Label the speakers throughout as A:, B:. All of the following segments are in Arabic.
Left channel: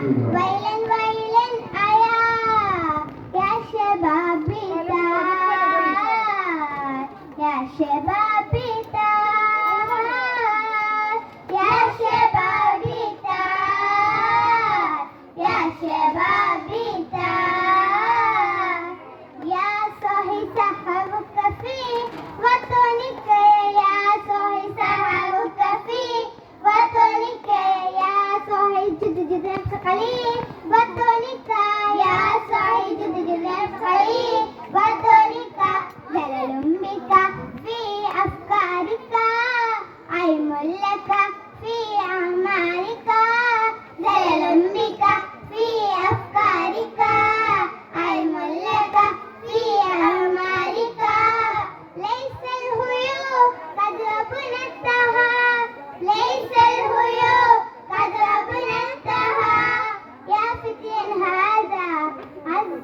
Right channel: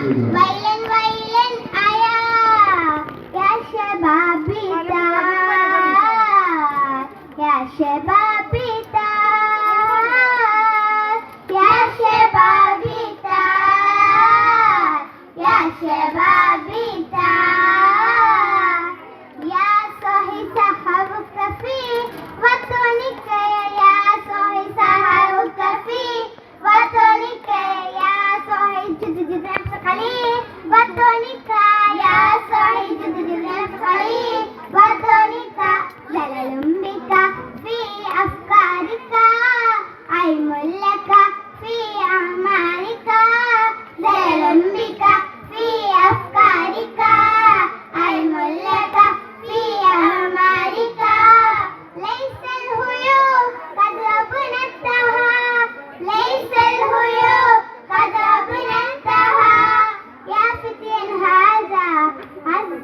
A: ويلا ويلا أيا يا شبابي تعال يا شبابي تعال يا شبابي تعال يا شبابي تعال يا صاحي سحرك في وطنك يا صاحي سحرك في وطنك يا صاحي جد جد نفسي وطنك يا جد نفسي وطنك جلال بك في أفكارك علم لك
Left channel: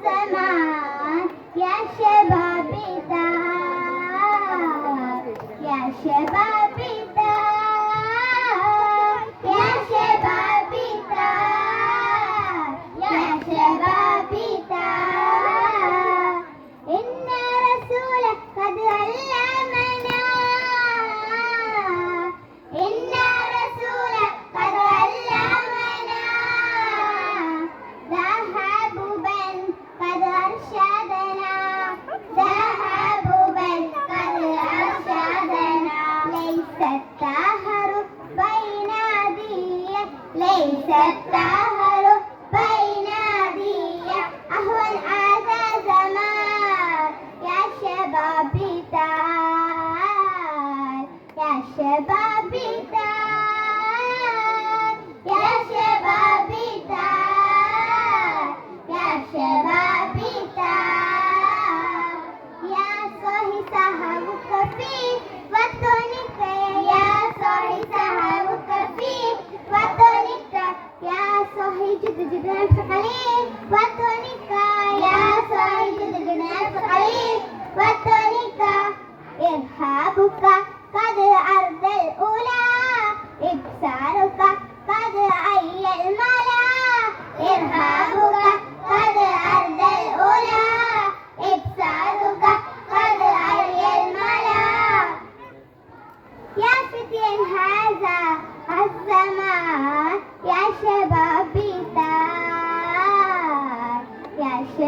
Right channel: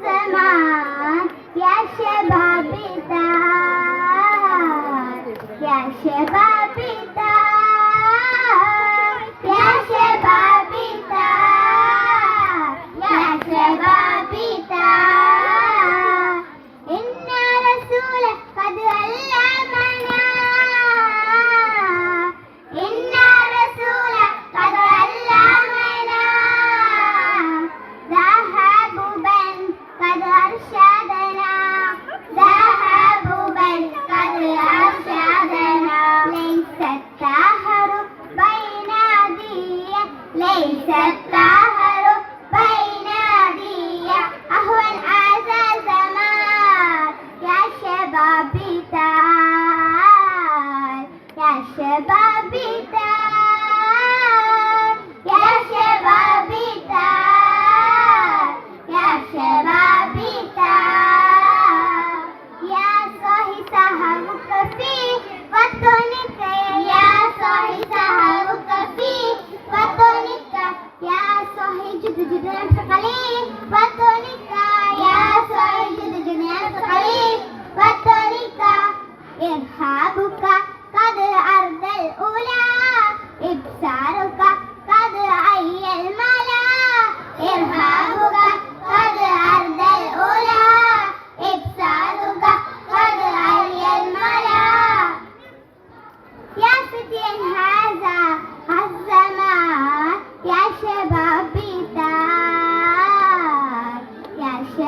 A: समाज या शे भाबिता या ليس الدهر بين أيدينا أهون هذا زمان يا شبابي تعال يا شبابي تعال يا جد نفسك عليه وطنك إرهابك قد أرض الأولى إبصارك قد أي الملا إرهابك قد أرض الأولى إبصارك قد أي الملا يا فتيان هذا الزمان يا شبابي